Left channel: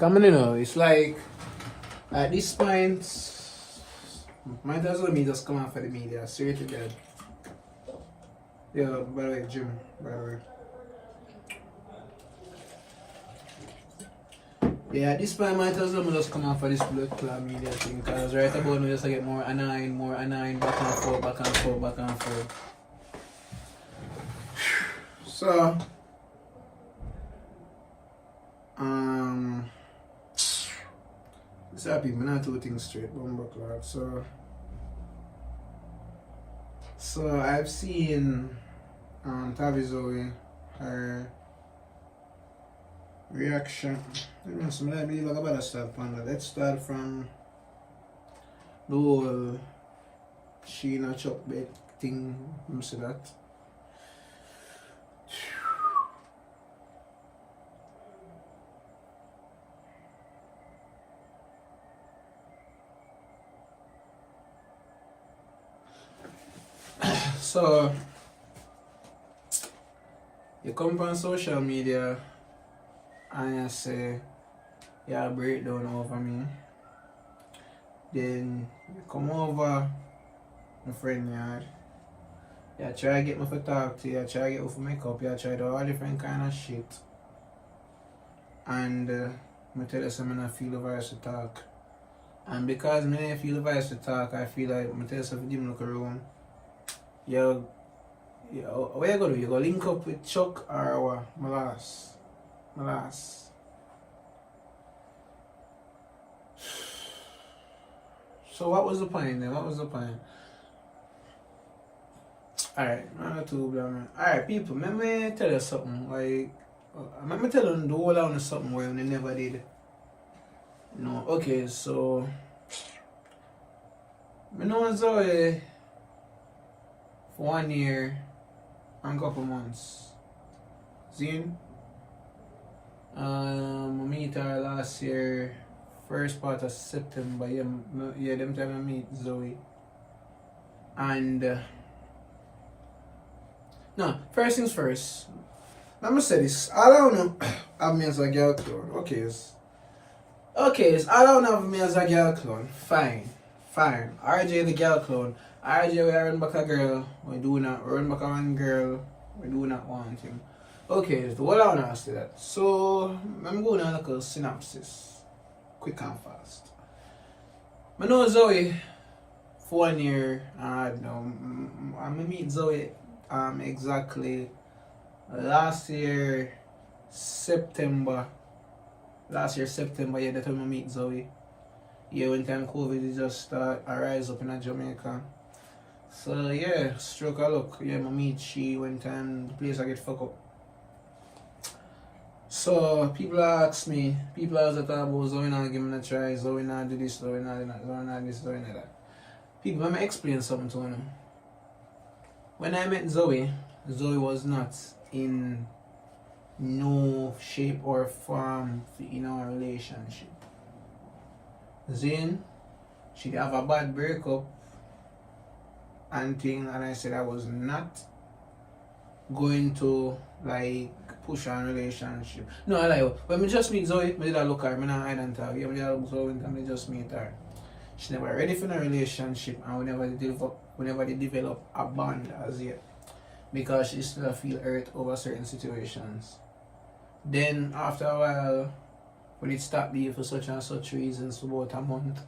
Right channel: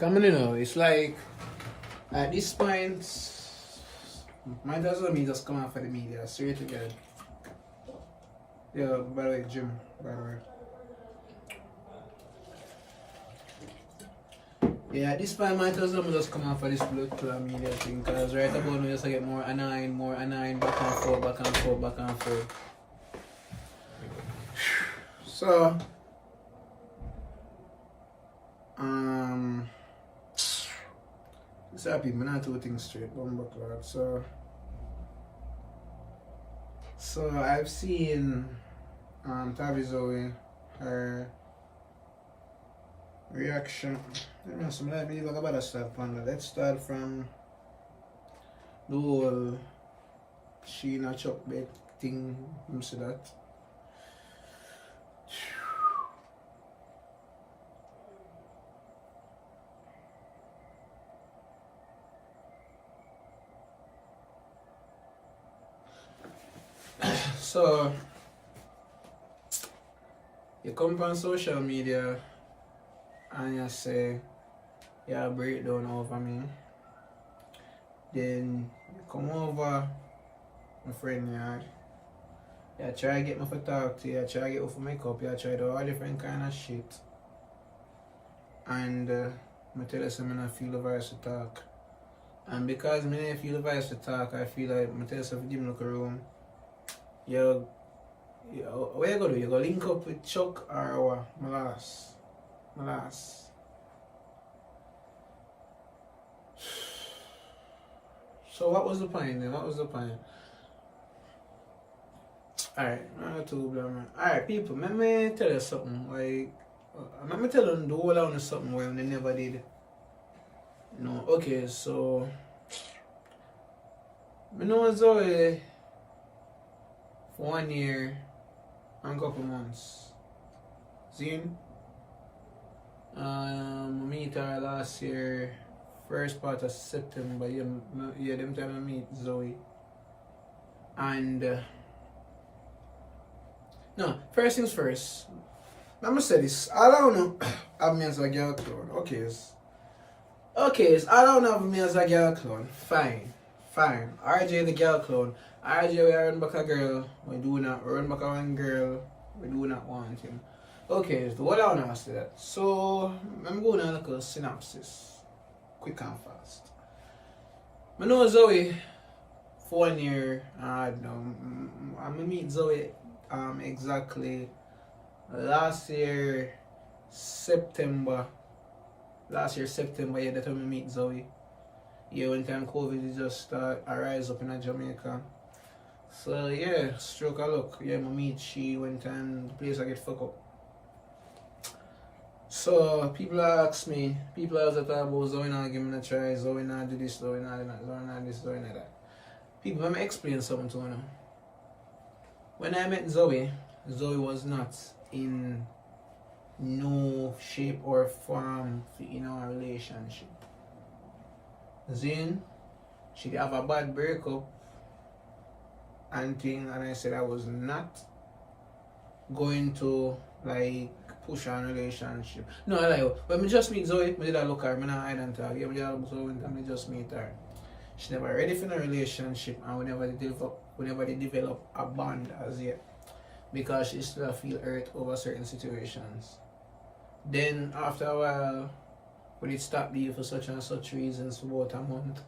Coming in, it's like at this point, might as well me just come out for the media, straight to God. Yeah, by the way, Jim, by the way. Yeah, at this point, might as well me just come out for this blood club media thing, because right about now, just get more annoying, back and forth, back and forth, back and forth. So, it's happy, I'm not two things straight, bomber club. So I've seen Tavii Zoey, her reaction. I believe I got to start from that. Let's start from the whole Sheena Chuck bait thing. You see that? So you come on social media and you say you have a breakdown over me. Then you come over my friend yard. You try to get me for talk to you, try to get me for makeup, you try to do all different kind of shit. And I tell you something, I feel the voice to talk. And because I feel the voice to talk, I feel like I tell you something, give me like a room. What you gonna do? You gonna link up with Chuck or what? My last. So what was the point then? Alright, I'm too blaming. Alright, people, let me tell you something. Like, let me tell them the whole on something where they never did. No, okay, so I know Zoey for 1 year and a couple months. Zine? I meet her last year, first part of September. Yeah, them time I meet Zoey. And no, first things first. Let me say this. I don't know have me as a girl clone. Okay, so I don't have me as a girl clone. Fine. RJ the girl clone. RJ we run back a girl. We do not run back a one girl. We do not want him. Okay, so what I want to ask you that. So I'm going to look at a synopsis. Quick and fast. I know Zoey for 1 year. I'm gonna meet Zoey exactly last year September, yeah, that time I meet Zoey. Yeah, when time COVID just start arise up in Jamaica. So yeah, stroke a look. Yeah, I meet she when time the place I get fucked up. So people ask me, people always talk about Zoey not give me a try, Zoey not do this, Zoey not do that, Zoey not this, Zoey not that. People, let me explain something to them. When I met Zoey was not in no shape or form in our relationship. Then she'd have a bad breakup and thing, and I said I was not going to like push on relationship. No, I like when we just meet Zoey, I did a look at her, I not hide and talk. Yeah, I did a look Zoey and I just meet her. She never ready for a relationship, and we never develop a bond as yet. Because she still feel hurt over certain situations. Then after a while, when it stopped being for such and such reasons for about a month,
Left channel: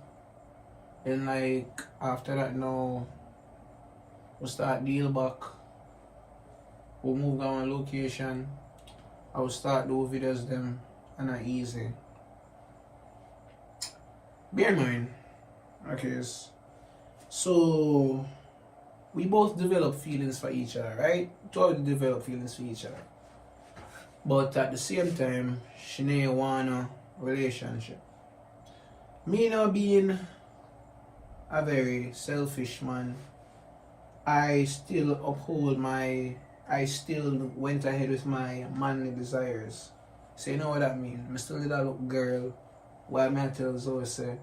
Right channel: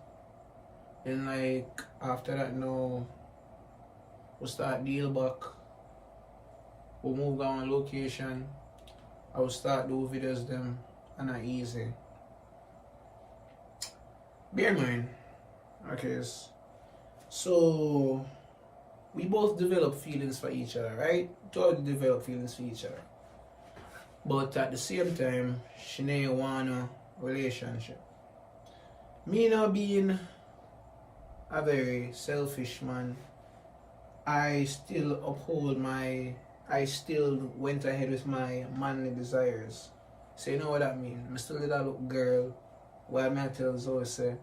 then like after that now we start deal back. We move on location. I will start do videos them and not easy. Bear in mind, okay, so we both develop feelings for each other, right? Totally develop feelings for each other. But at the same time, she didn't want a relationship. Me now being a very selfish man, I still went ahead with my manly desires. So you know what that means? I still did a look girl while I tell Zoey say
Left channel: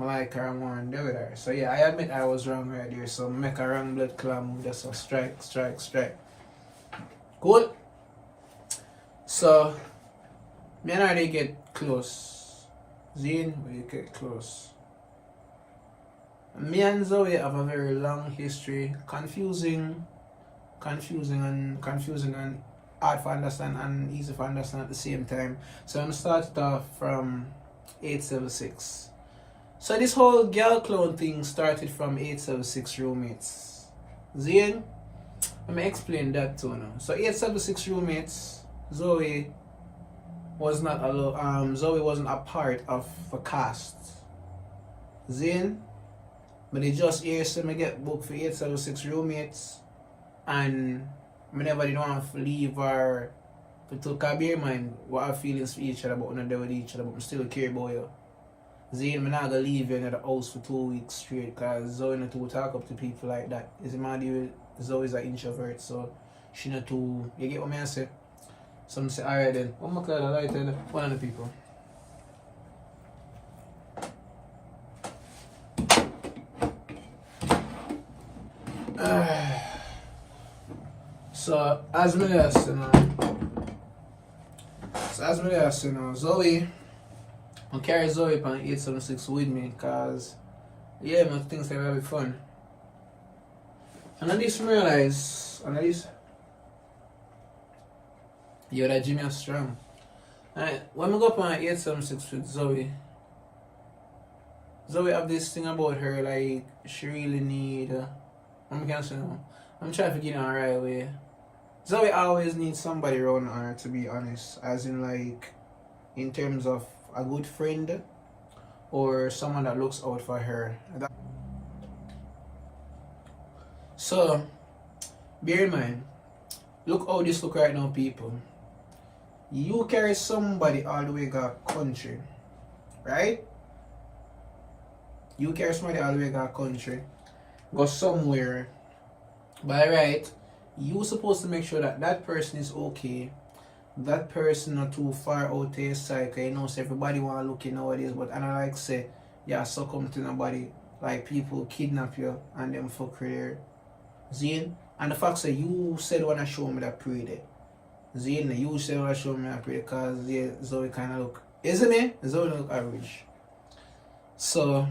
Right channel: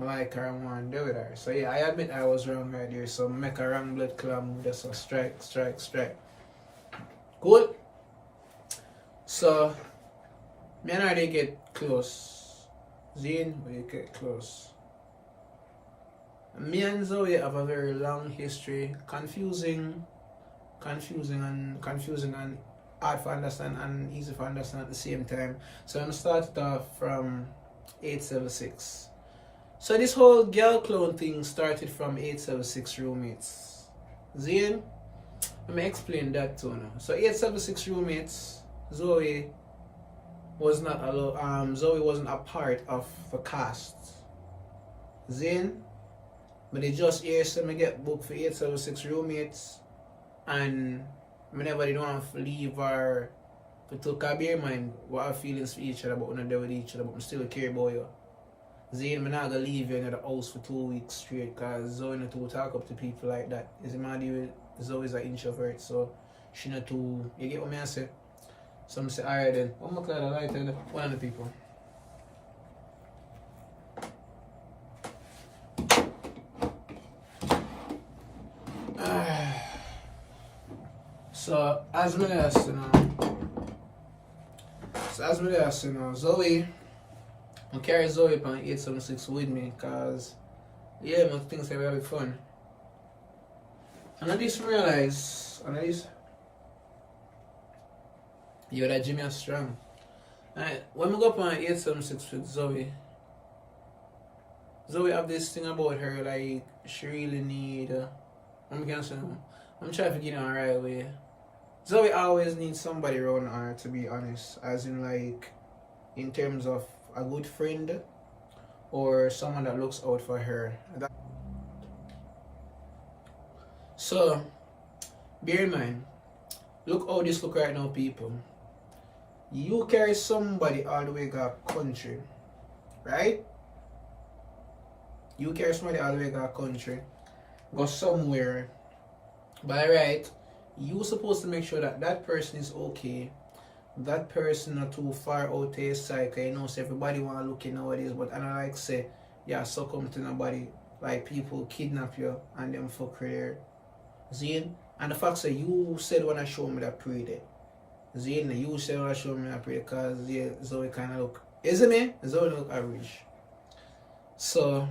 I like her and want to do with her. So yeah, I admit I was wrong right there. So make a wrong blood clot move, just a strike. Cool. So me and her they get close Zane, we get close. Me and Zoe have a very long history, confusing and hard to understand and easy to understand at the same time. So I'm gonna start it off from 876. So this whole girl clone thing started from 876 roommates. Zane, let me explain that to you. So 876 roommates, Zoe Zoe wasn't a part of the cast. Zane, but they just hear so me get booked for 876 roommates, and whenever they don't have to leave or to bear in mind what our feelings for each other, but we're not there with each other, but we still care about you. Zane, I'm not gonna leave you in the house for 2 weeks straight because Zoe not to talk up to people like that. Is it my deal? Zoe's an introvert, so she not too. You get what I say? Some say, alright then. One more cloud light and one of the people. So as me last, Zoe, I carry Zoe on 876 with me because yeah, my things are very fun. And I just realize, yo, that Jimmy is strong. Alright, when we go up on 876 with Zoe have this thing about her, like, she really need, I'm trying to get on the right way. Zoe always needs somebody around her, to be honest, as in, like, in terms of a good friend or someone that looks out for her. So, bear in mind, look how this look right now, people. You carry somebody all the way to country, right? You carry somebody all the way to country, go somewhere. By right, you supposed to make sure that that person is okay. That person not too far out to his side, cause you know, so everybody want to look in nowadays, but I don't like say, yeah, succumb to nobody. Like people kidnap you and them fuck there. Zane, and the fact that you said when I show me that pre there. Zane, you said when I show me that pre because yeah, Zoe kind of look, isn't it? Zoe look average. So,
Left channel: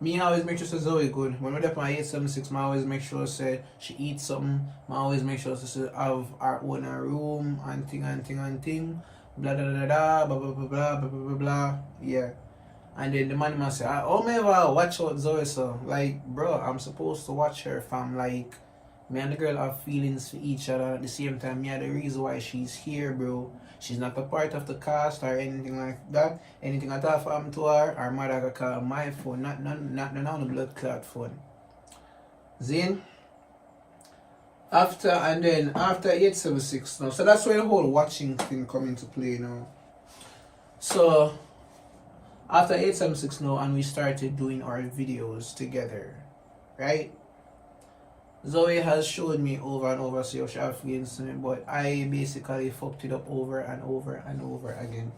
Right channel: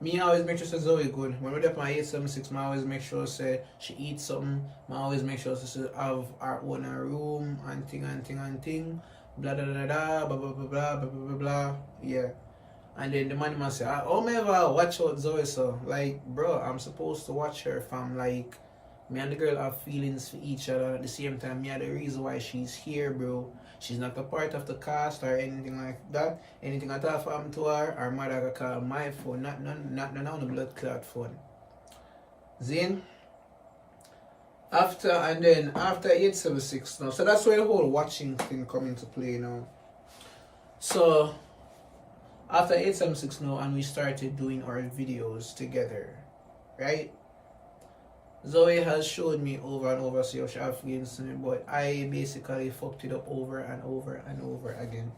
me always make sure say Zoe good. When we're up on 876, I always make sure say she eats something. I always make sure she have our own room and thing. Blah blah blah blah blah blah blah blah blah blah. Yeah. And then the man must say, oh me ever watch out Zoe so like bro, I'm supposed to watch her from like me and the girl have feelings for each other at the same time. Me are the reason why she's here, bro. She's not a part of the cast or anything like that. Anything at all happened to her mother got call my phone, not on the blood clot phone. Zane. After 876 now. So that's where the whole watching thing come into play now. So after 876 now and we started doing our videos together, right? Zoe has showed me over and over see how she have feelings to me, but I basically fucked it up over and over again.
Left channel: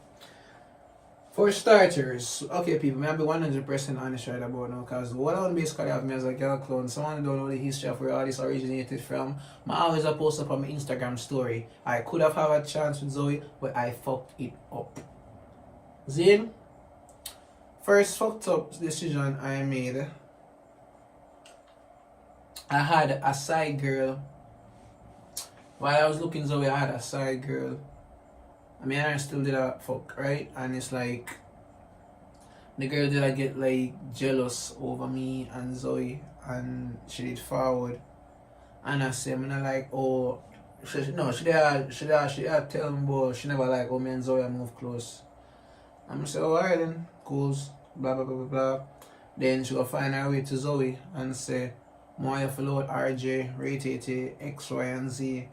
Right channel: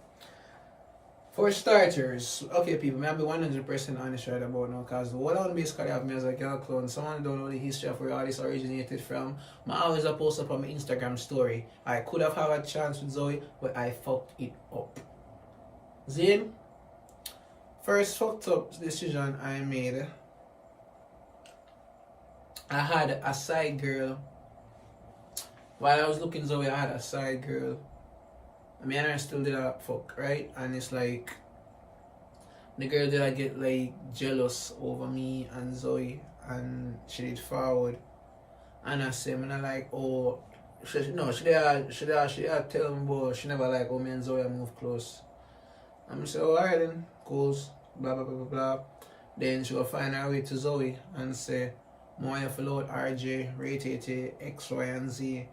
For starters, okay people, I'll be 100% honest right about now because what I basically have me as a girl clone, someone don't know the history of where all this originated from. I always post up on my Instagram story. I could have had a chance with Zoe, but I fucked it up. Zane, first fucked up decision I made, I had a side girl. While I was looking Zoe, I had a side girl. I mean, I still did a fuck, right? And it's like, the girl did I get like jealous over me and Zoe, and she did forward. And I said, I'm not like, oh, she did tell me, but she never like, oh, me and Zoe move close. I'm say, oh, alright then, cool, blah, blah, blah, blah, blah. Then she will find her way to Zoe and say, more you follow with RJ, rate it X, Y, and Z.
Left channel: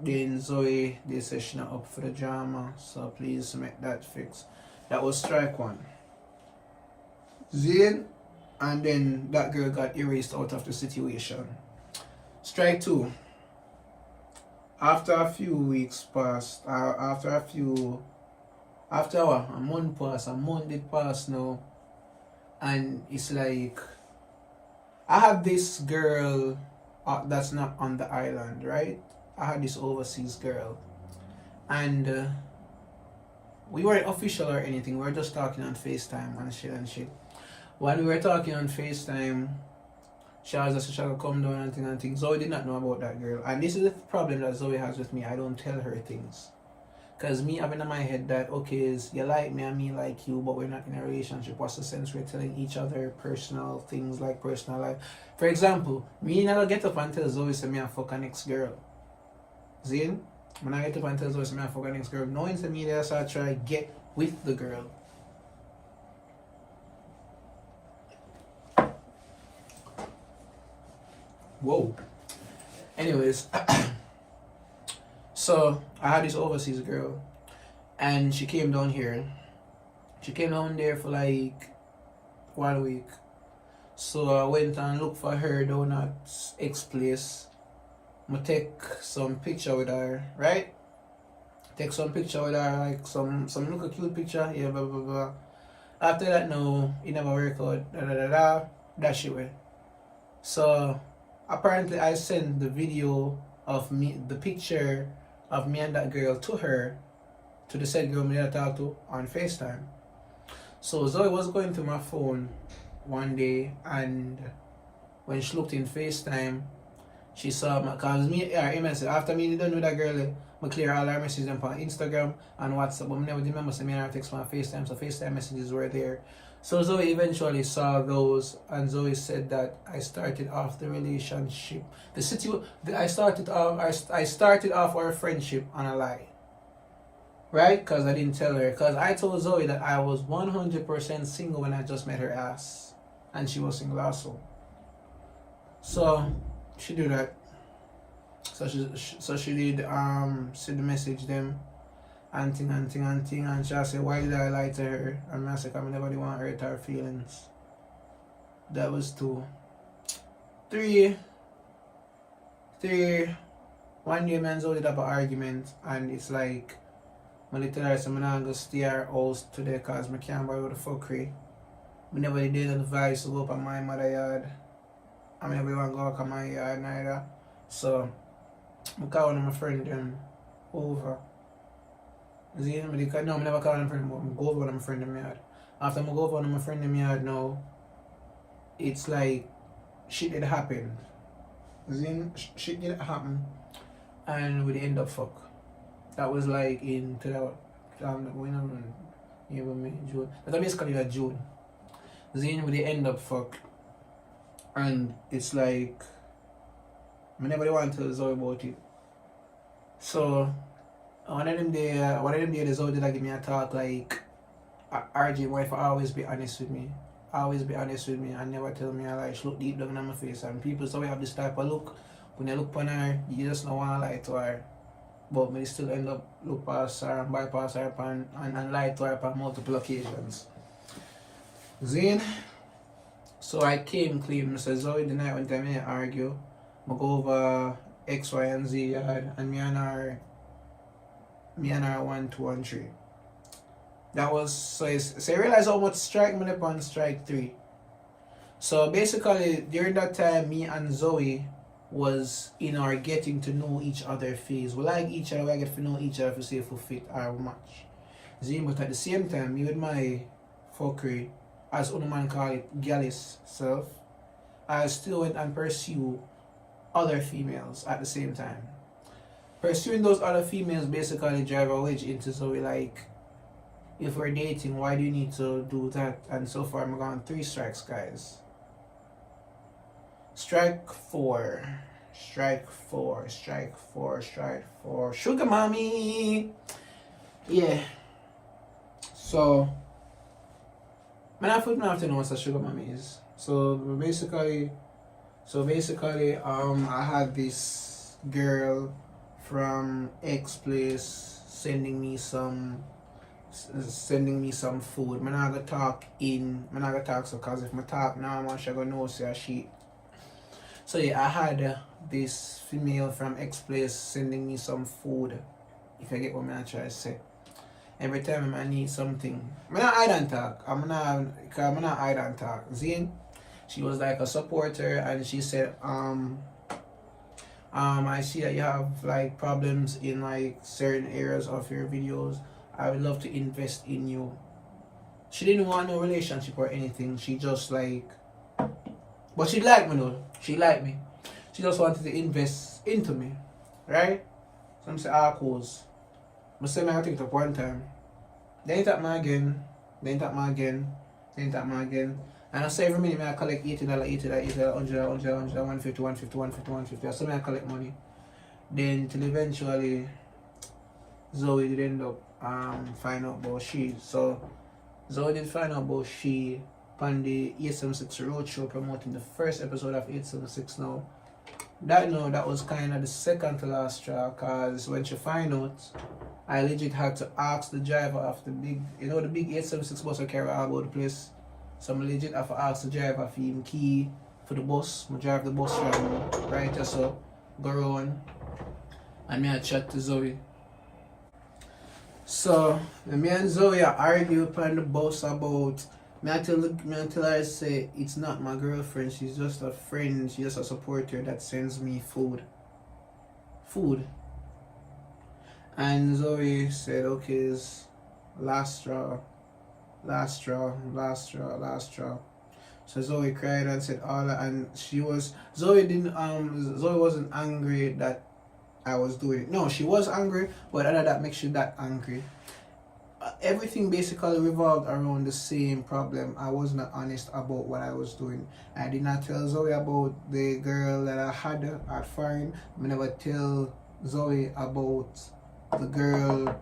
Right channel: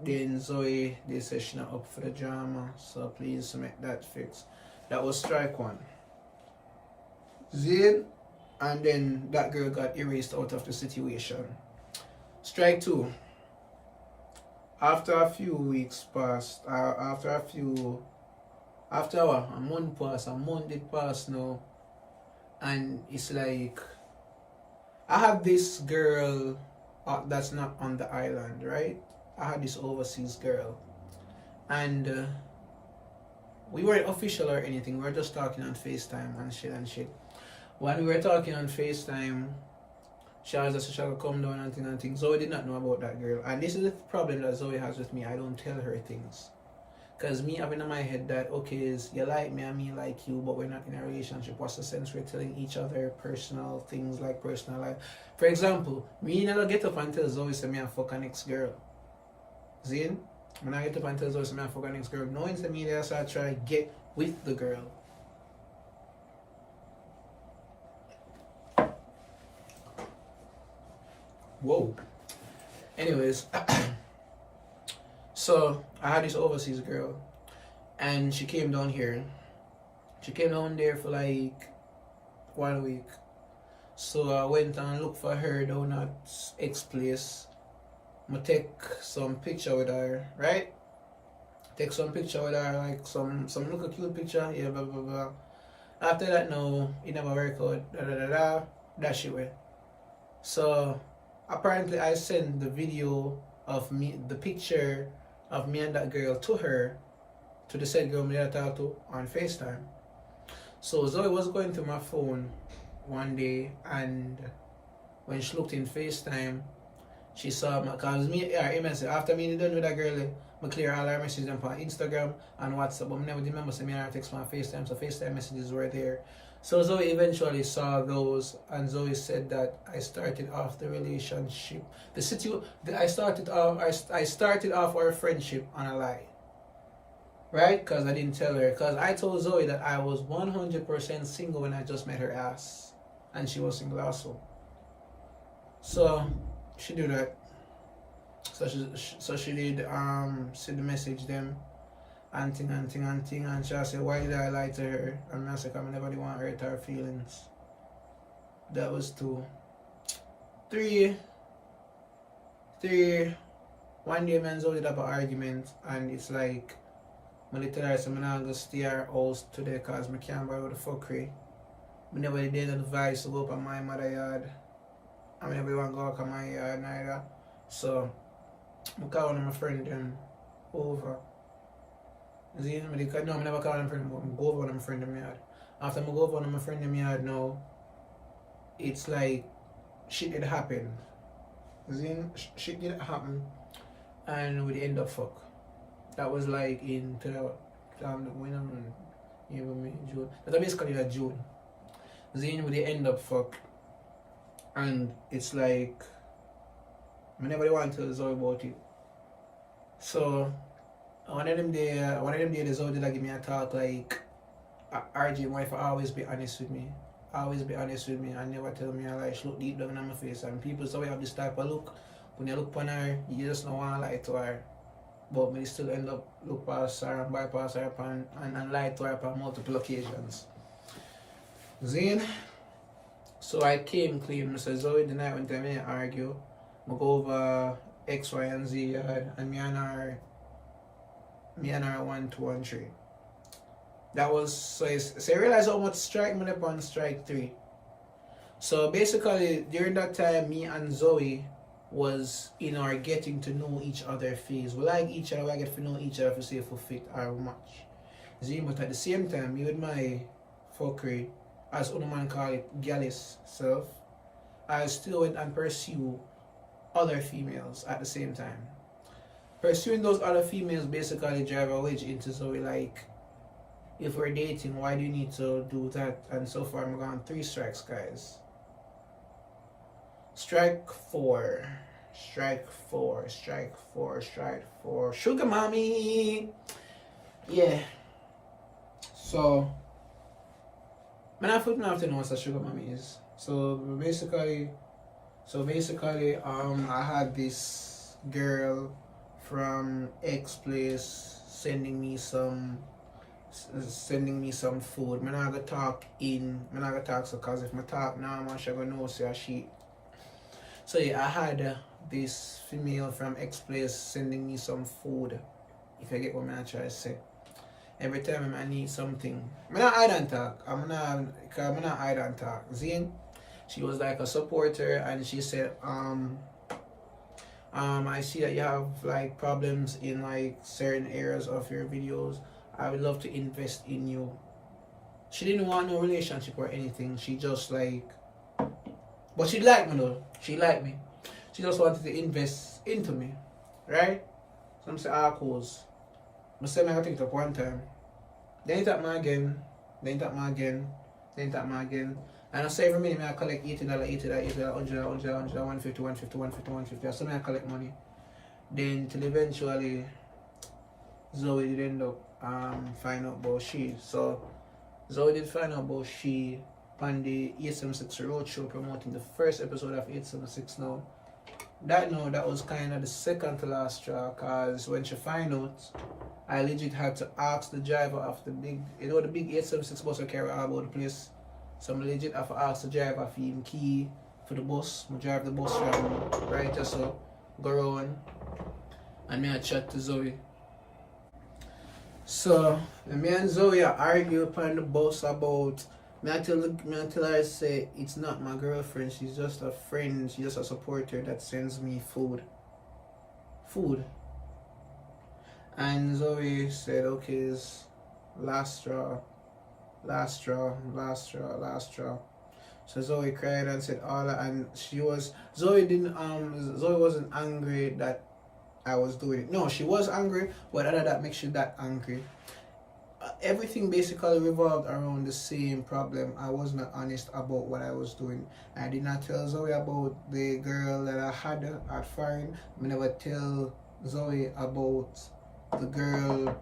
Then Zoe, they say she not up for the drama, so please make that fix. That was strike one. Zane, and then that girl got erased out of the situation. Strike two. After a few weeks passed, after a month did pass now, and it's like, I have this girl that's not on the island, right? I had this overseas girl, and we weren't official or anything. We were just talking on FaceTime and shit. When we were talking on FaceTime, she was just trying to come down and things. Zoey did not know about that girl. And this is the problem that Zoey has with me. I don't tell her things. Because me having in my head that, okay, is you like me and me like you, but we're not in a relationship. What's the sense we're telling each other personal things like personal life? For example, me never get up and tell Zoey say me a fuck an ex-girl. Zin? When I get up and tell Zoey say me a fuck an ex-girl, knowing to me that I try to get with the girl. Whoa. Anyways, so I had this overseas girl, and she came down here. She came down there for like 1 week. So I went and looked for her down at X place. I take some picture with her, right? Take some picture with her, like some little cute picture, yeah, blah blah blah. After that, no, it never worked out. That shit way. So apparently I sent the video of me, the picture of me and that girl to her, to the said girl me that I talked to on FaceTime. So Zoey was going through my phone one day, and when she looked in FaceTime, she saw my, cause me, after me done with that girl, I clear all our messages on Instagram and WhatsApp, but I never remember sending her text on FaceTime, so FaceTime messages were there. So Zoey eventually saw those, and Zoey said that I started off the relationship. I started off our friendship on a lie. Right? Because I didn't tell her. Because I told Zoey that I was 100% single when I just met her ass. And she was single also. So she did that. So she did see the message them and thing, and she said, why did I lie to her? And I said, I never want to hurt her feelings. That was 2. 3. One day, man, Zoey did have an argument, and it's like, I tell her, I'm not going to stay at her house today because I can't buy with the fuckery. I never did advise to go up on my mother yard. I never want to go up on my yard neither. So, I call one of my friends them over. See, no, I never call them friend, but I go over one of my friend in my yard. After I go over one of my friend in my yard now, it's like shit did happen. See, shit did happen, and we end up fuck. That was like in June. That's basically like June. Then we end up fuck, and it's like I never want to tell Zoey about it. So one of them days, Zoey did give me a talk like, RJ, wife always be honest with me. Always be honest with me and never tell me a lie. She look deep down in my face, and people so we have this type of look. When you look upon her, you just don't want to lie to her. But me still end up look past her and bypass her and lie to her on multiple occasions. Then, so I came clean. I said, Zoey, the night when I argue, I go over X, Y, and Z yard, and me and her 1, 2, and 3. That was, so you realize how much strike me upon strike 3. So basically, during that time, me and Zoey was in our getting to know each other phase. We like each other, we get to know each other to see if we fit our match. See, but at the same time, me with my fuckery, as one man call it, gallus self, I still went and pursue other females at the same time. Pursuing those other females basically drive a wedge into Zoey, like, if we're dating, why do you need to do that? And so far, I'm gone 3 strikes, guys. Strike 4. Sugar mommy. Yeah. So, I have to know what a sugar mommy is. So basically, I had this girl from X place sending me some food. I'm not gonna talk so, cause if I talk now, I'm gonna know say she. So yeah, I had this female from X place sending me some food. If I get what I'm trying to say. Every time I need something, I'm not hide and talk. I'm not hide and talk. Zine, she was like a supporter, and she said, I see that you have like problems in like certain areas of your videos. I would love to invest in you. She didn't want no relationship or anything. She just like, but she liked me though. She liked me. She just wanted to invest into me, right? So I'm saying, course. I say I take it up one time. Then it tap me again. Then it tap me again. Then it tap me again. And I say every minute I collect $80, $80, $80, $100, $100, $100, $150, $150, $150, $150. So I collect money. Then till eventually Zoey did end up find out about she. So Zoey did find out about she on the 876 Roadshow promoting the first episode of 876 now. That was kind of the second to last straw, because when she find out, I legit had to ask the driver of the big, the big 876 bus I carry all about the place. So I legit have to ask the driver for him key for the bus. I drive the bus from right just so go around and I chat to Zoey. So me and Zoey argue upon the bus about I tell her, say it's not my girlfriend, she's just a friend, she's just a supporter that sends me food. And Zoey said, okay, it's last straw. So Zoey cried and said all that, and Zoey wasn't angry that I was doing it. No, she was angry, but other that makes you that angry. Everything basically revolved around the same problem. I was not honest about what I was doing. I did not tell Zoey about the girl that I had at foreign. I never tell Zoey about the girl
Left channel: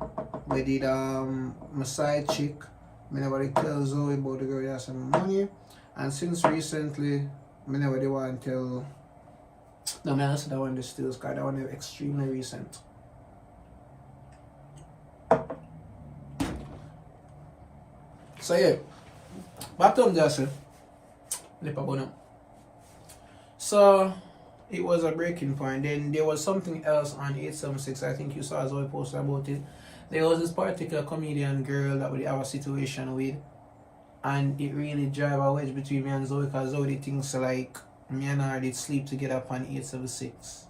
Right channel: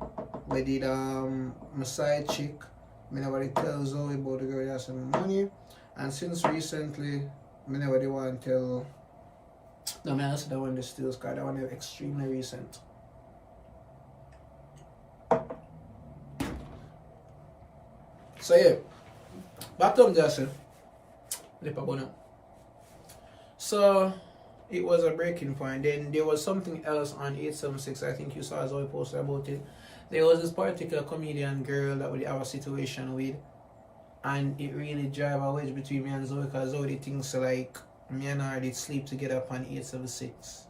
we did my side chick. I never tell Zoey about the girl that has some money. And since recently, I never want to tell. No, I answer that one the stills because that one is extremely recent. So yeah, bottom just so it was a breaking point. Then there was something else on 876. I think you saw Zoey post about it. There was this particular comedian girl that we have a situation with, and it really drive a wedge between me and Zoey, because Zoey thinks like me and her did sleep together upon 876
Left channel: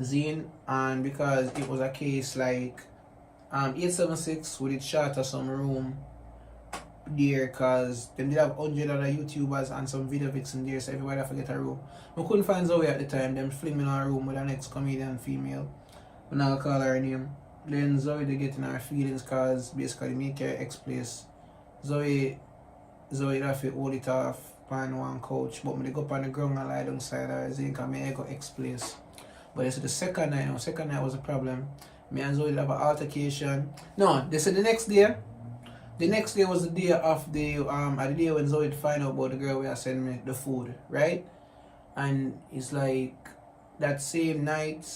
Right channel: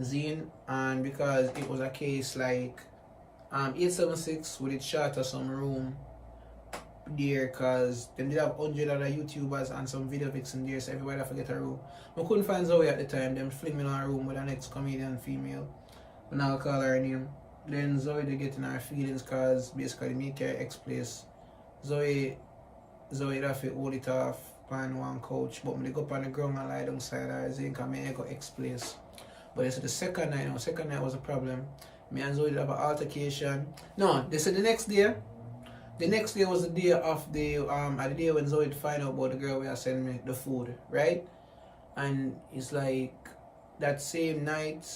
Zine, and because it was a case like 876 we did charter some room there, because they did have 100 other YouTubers and some video vixen there, so everybody have to get a room. I couldn't find Zoey at the time. Them fling me in a room with an ex-comedian female, but now I call her name. Then Zoey they get in her feelings, because basically me care ex-place. Zoey have to hold it off on one couch, but me go up on the ground and lie down side her zinc and me go ex-place. But they said the second night was a problem. Me and Zoey have an altercation. No, they said the next day. The next day was the day of the day when Zoey find out about the girl where I sent me the food, right? And it's like that same night,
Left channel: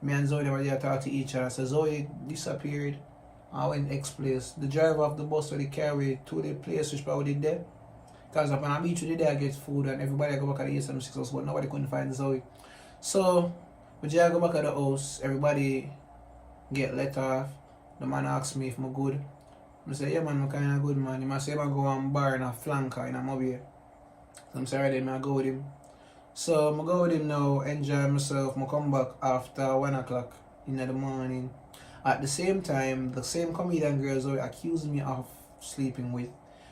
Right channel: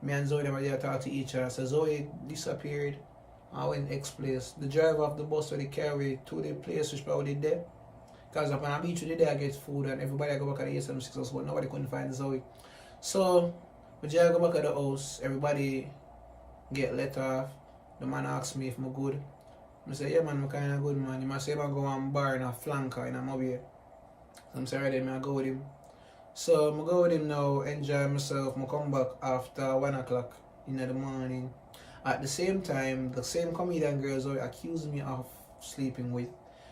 me and Zoey never did talk to each other. So Zoey disappeared. I went ex-place. The driver of the bus where they carry to the place which probably did there. Because upon a beach today I get food and everybody go back at the 876 house, but nobody couldn't find Zoey. So when I go back at the house, everybody get let off. The man asked me if I'm good. I say, yeah man, I'm kinda good man. He must say I go on bar in a flanker in a mobile. So I'm sorry then I go with him. So I go with him now, enjoy myself. I come back after 1 o'clock in the morning. At the same time, the same comedian girl Zoey accused me of sleeping with.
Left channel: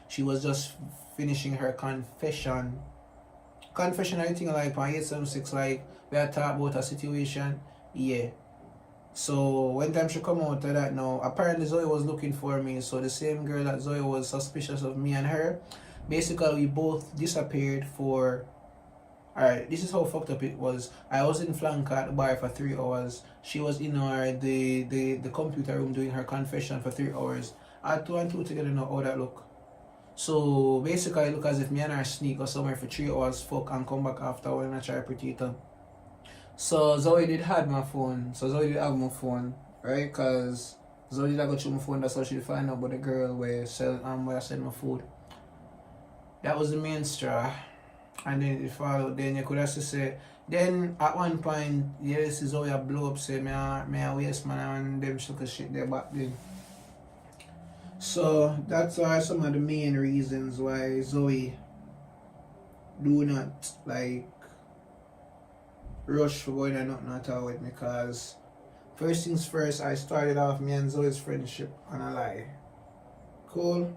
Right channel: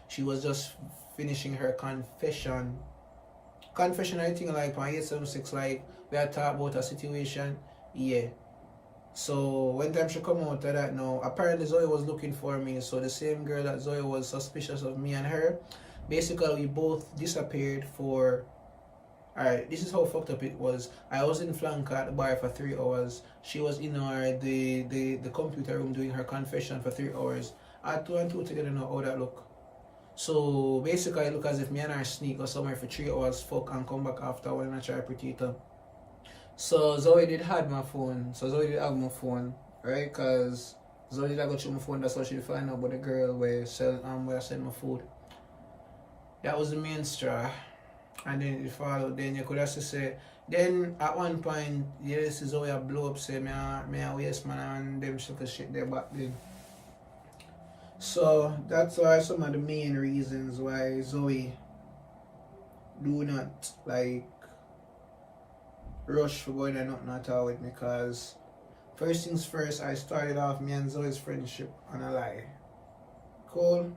She was just finishing her confession. Confession, I think like on 876, like we had talked about a situation. Yeah. So when time she come out of that now, apparently Zoey was looking for me. So the same girl that Zoey was suspicious of me and her, basically we both disappeared for. Alright, this is how fucked up it was. I was in Flanker at the bar for 3 hours. She was in the computer room doing her confession for 3 hours. I had 2 and 2 together now how that look. So basically it look as if me and her sneak or somewhere for 3 hours, fuck, and come back after when I try to pretty it up. So Zoey did have my phone. So Zoey did have my phone, right? Because Zoey did go through my phone, that's how she find out about the girl where I send my food. That was the main straw. And then it followed. Then you could also say, then at one point, yes, Zoey a blow up, say me a waste man and them sugar shit there back then. So that's are some of the main reasons why Zoey do not like rush for going and nothing at all with me, because First things first, I started off me and Zoe's friendship on a lie. Cool.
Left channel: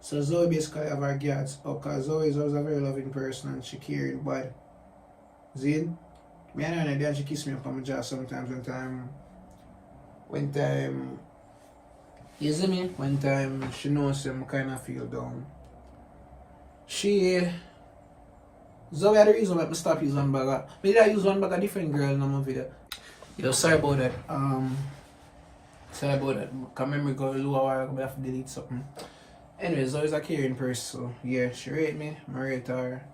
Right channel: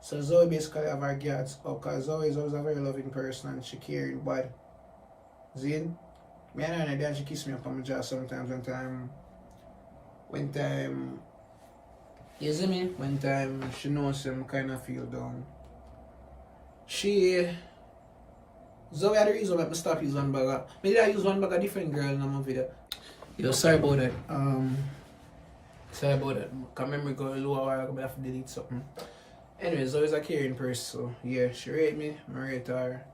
So Zoe basically have her guards up because Zoe is always a very loving person and she caring, but Zin, me and her then she kiss me up on my jaw sometimes when time you see me? When time she knows I'm kinda feel down. Zoe had the reason why I stop using one bag of, maybe I use one bag of different girl in my video. Yo, sorry about that. Sorry about that. Can memory go low a while ago, but I have to delete something. Anyways, Zoe's a caring person, so yeah, she rate me, I rate her.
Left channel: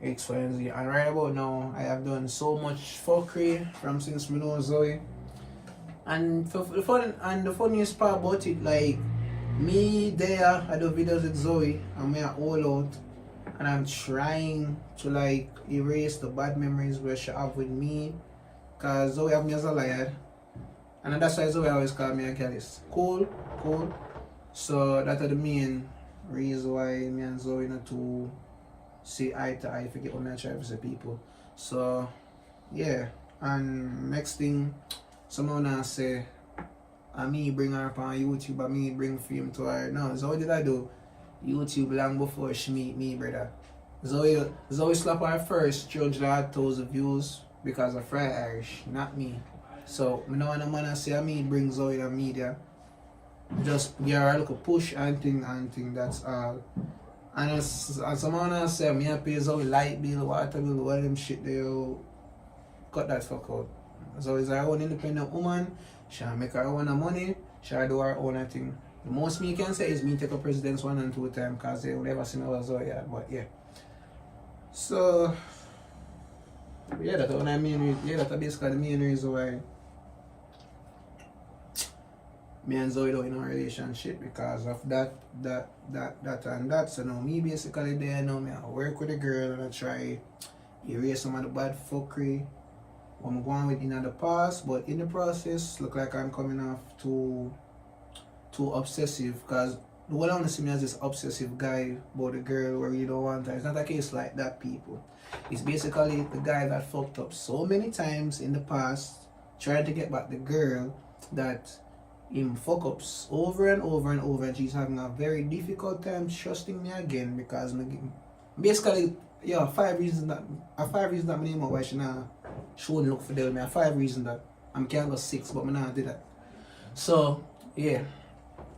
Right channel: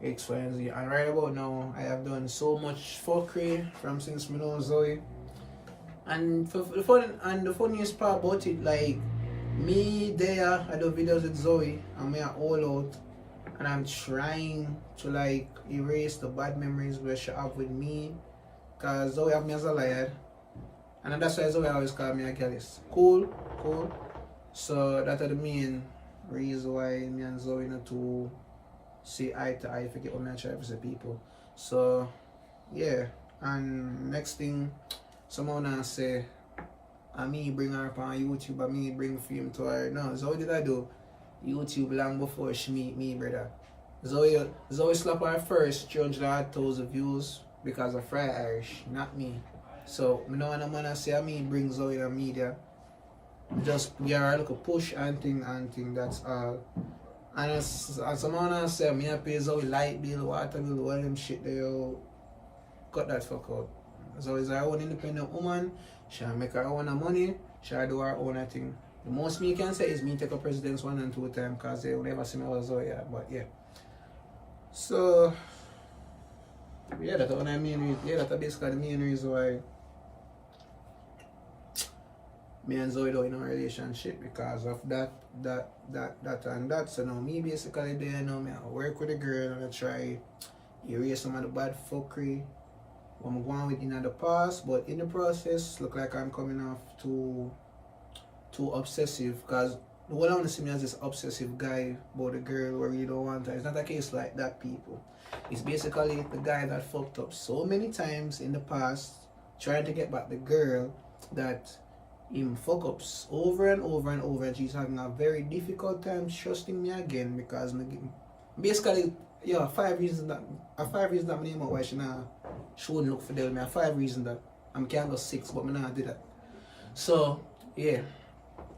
X, Y, and Z. And right about now, I have done so much fuckery from since I know Zoe. And the funniest part about it, like me there, I do videos with Zoe, and we are all out, and I'm trying to like erase the bad memories where she have with me, cause Zoe have me as a liar, and that's why Zoe always call me a gallus. Cool. So that's the main reason why me and Zoe not to see eye to eye, forget what I try to say people. So yeah, and next thing someone now say me bring her up on YouTube and me bring fame to her. No, Zoe did I do YouTube long before she meet me, brother. Zoe slap her first 300,000 views because of Fry Irish, not me. So I don't want a man say me bring Zoe in the media. Just give her a little push and thing, that's all. And as someone say, me pay Zoe light bill, water bill, all them shit they cut that fuck out. Zoe is her own independent woman, she'll make her own money, she'll do her own thing. The most me can say is me take a president's 1 and 2 times because they will never see me with Zoe yet, but yeah. So yeah, that's what I mean. Yeah, that's basically the main reason why me and Zoe don't in a relationship, because of that and that. So now me basically there now, me I work with a girl and I try erase some of the bad fuckery what I'm going with in the past, but in the process look like I'm coming off too obsessive, because the one I want to see me as this obsessive guy about the girl where you don't want her. It's not a case like that, people. It's basically the guy that fucked up so many times in the past trying to get back the girl that him fuck ups over and over and over, and she's having a very difficult time trusting me again, because basically, yeah, 5 reasons that my name out why she wouldn't look for them. 5 reasons that I'm can't go 6, but I not do that. So yeah.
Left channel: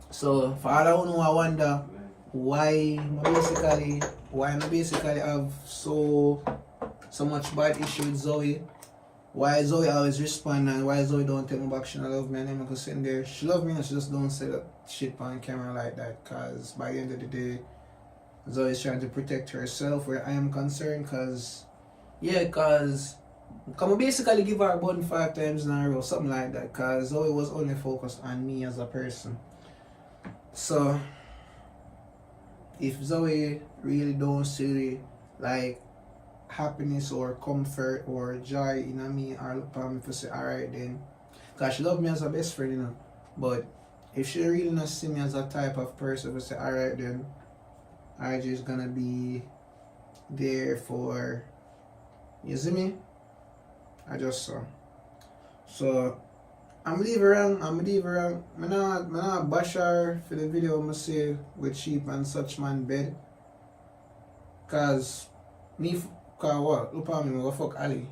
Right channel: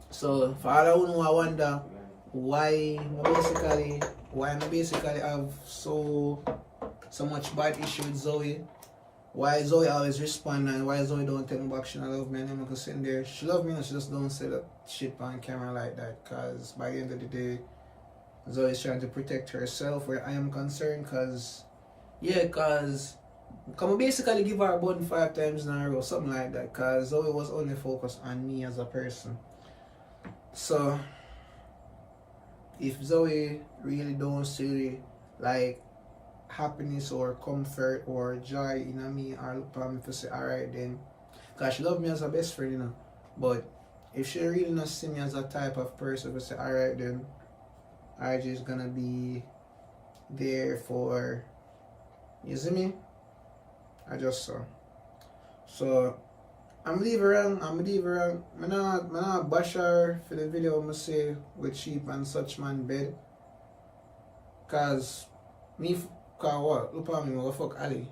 So for all I know, I wonder why I basically have so much bad issue with Zoe. Why Zoe always respond and why Zoe don't tell me back she love me, and I'm gonna sit there. She love me and she just don't say that shit on camera like that, cause by the end of the day Zoe is trying to protect herself where I am concerned, cause come on, basically give her a button 5 times in a row, something like that, cause Zoe was only focused on me as a person. So if Zoe really don't see like happiness or comfort or joy in me, or look at me for say alright then, cause she love me as a best friend, you know. But if she really not see me as a type of person to say alright then, I just gonna be there for, you see me? I just saw. So I'm leave her wrong. I'm not bash her for the video I'm say with sheep and such man bed. Cause what? Look at me, I fuck Ali.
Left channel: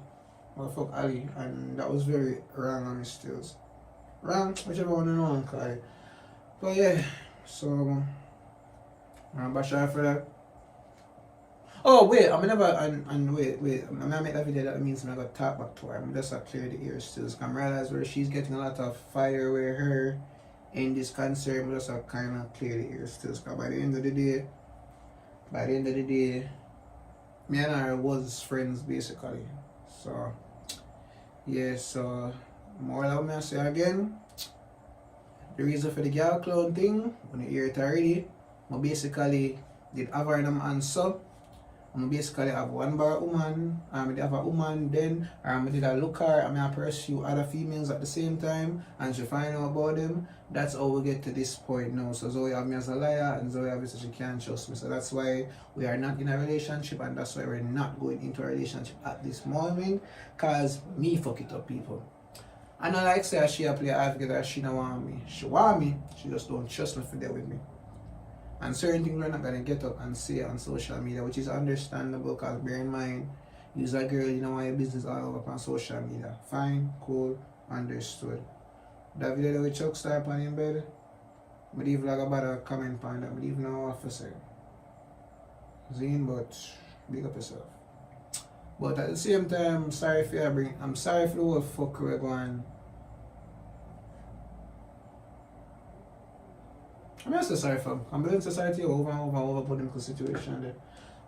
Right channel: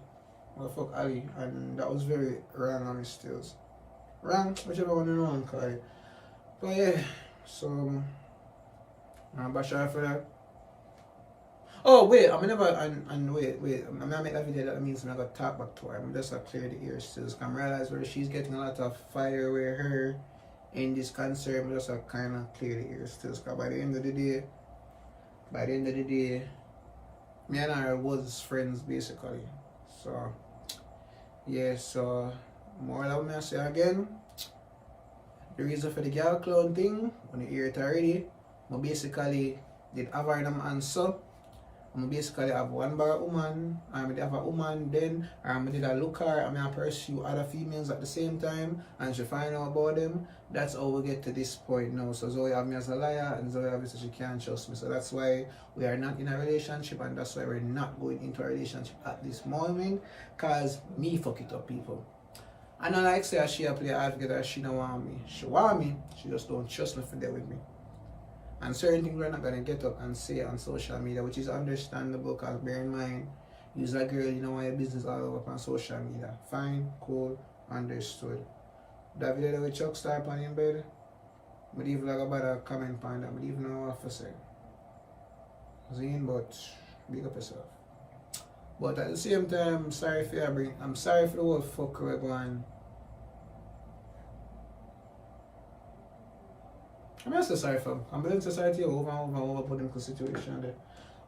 And that was very wrong on his stills. Wrong, whichever one you want to call it. But yeah, so I'm bash her for that. Oh wait, I'm never wait. I'm gonna make that video, that means I'm gonna talk back to her. I'm just gonna clear the ear stills. I'm realize where she's getting a lot of fire with her in this concert. I'm just gonna kinda clear the ear stills, because by the end of the day, me and her was friends basically. So yeah, so more than me I say again, the reason for the girl clown thing, when you hear it already, I basically did have her in my answer. I basically have one bar woman, I did have a woman then, or I did a look her, and I pursue other females at the same time, and she find out about them. That's how we get to this point now. So Zoe have me as a liar, and Zoe obviously she can't trust me. So that's why we are not in a relationship, and that's why we're not going into a relationship at this moment, because me fuck it up, people. I know like say she a play advocate that she don't want me. She want me, she just don't trust me for there with me. And certain things we're not gonna get up and say on social media, which is understandable because bear in mind, you're a girl, you don't want your business all over on social media. Fine, cool, understood. That video with Chuck Star on in bed, but even like about a comment on that, but even know what to say. Zine, but big up yourself. But at the same time, I'm sorry for I'm sorry for the whole fuck we're going. I'm just sorry for him. I'm building society over and over put into the situation there.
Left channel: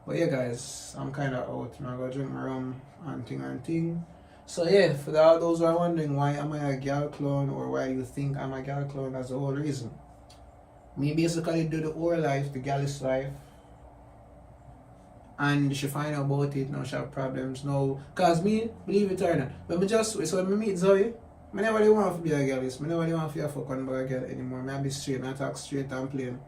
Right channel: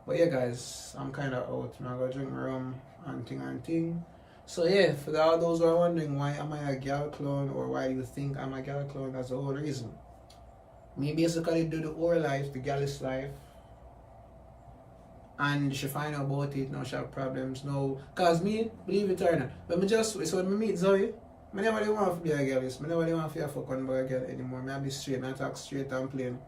But yeah guys, I'm kinda out. I'm gonna drink my rum and thing. So yeah, for all those who are wondering why am I a girl clone or why you think I'm a girl clone, that's the whole reason. Me basically do the whole life, the girl's life. And she find out about it, now she have problems now. Cause me, believe it or not, when I meet Zoey, I never really want to be a girl, I never really want to fuck on by a girl anymore. I be straight, I talk straight and plain.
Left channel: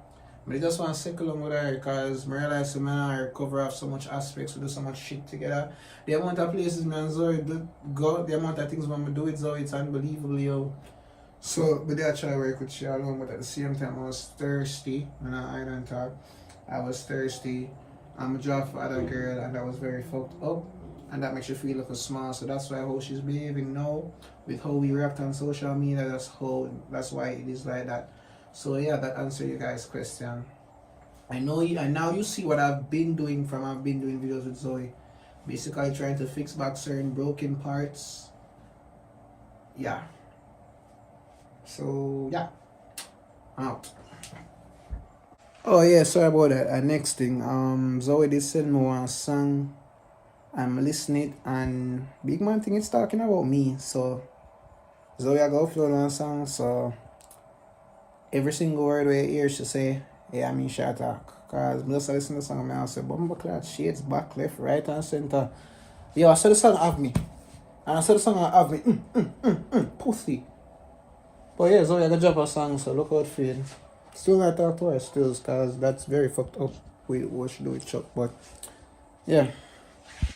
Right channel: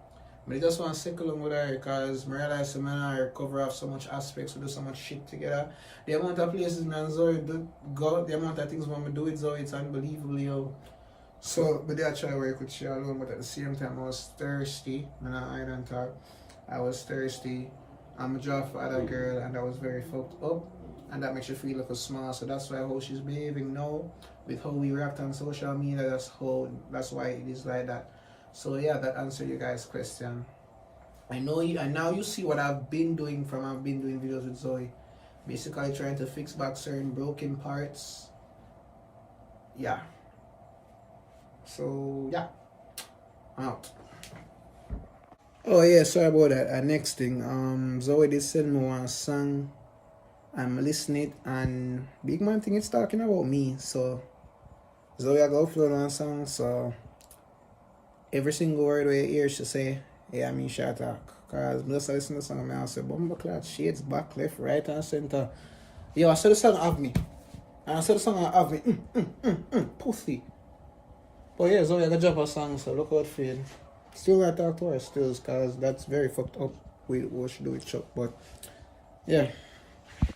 But I just want to circle along with her because I realize I and her cover up so much aspects, we do so much shit together. The amount of places me and Zoey go, the amount of things when we do with Zoey, it's unbelievable, yo. So, but I try to work with she alone, but at the same time I was thirsty. When I don't talk, I was thirsty. I'm a job for other girl and that was very fucked up. And that makes you feel like a small. So that's why how she's behaving now, with how we react on social media, that's why it is like that. So yeah, that answers you guys' question. I know you, and now you see what I've been doing videos with Zoey. Basically trying to fix back certain broken parts. Yeah. So yeah. I'm out. Oh yeah, sorry about that. Next thing, Zoey did send me one song. I'm listening it and big man think it's talking about me. So Zoey I go upload one song, so every single word we hear she say, yeah, I mean she talk. Cause I just listen to the song and I say, Bumbleclad, shades back, left, right and center. Yo, I saw the song have me. And I saw the song have me. Pussy. But yeah, Zoey I got drop a song, so look out for it. Still gotta talk to her still, cause that's very fucked up with what she do with Chuck, but yeah.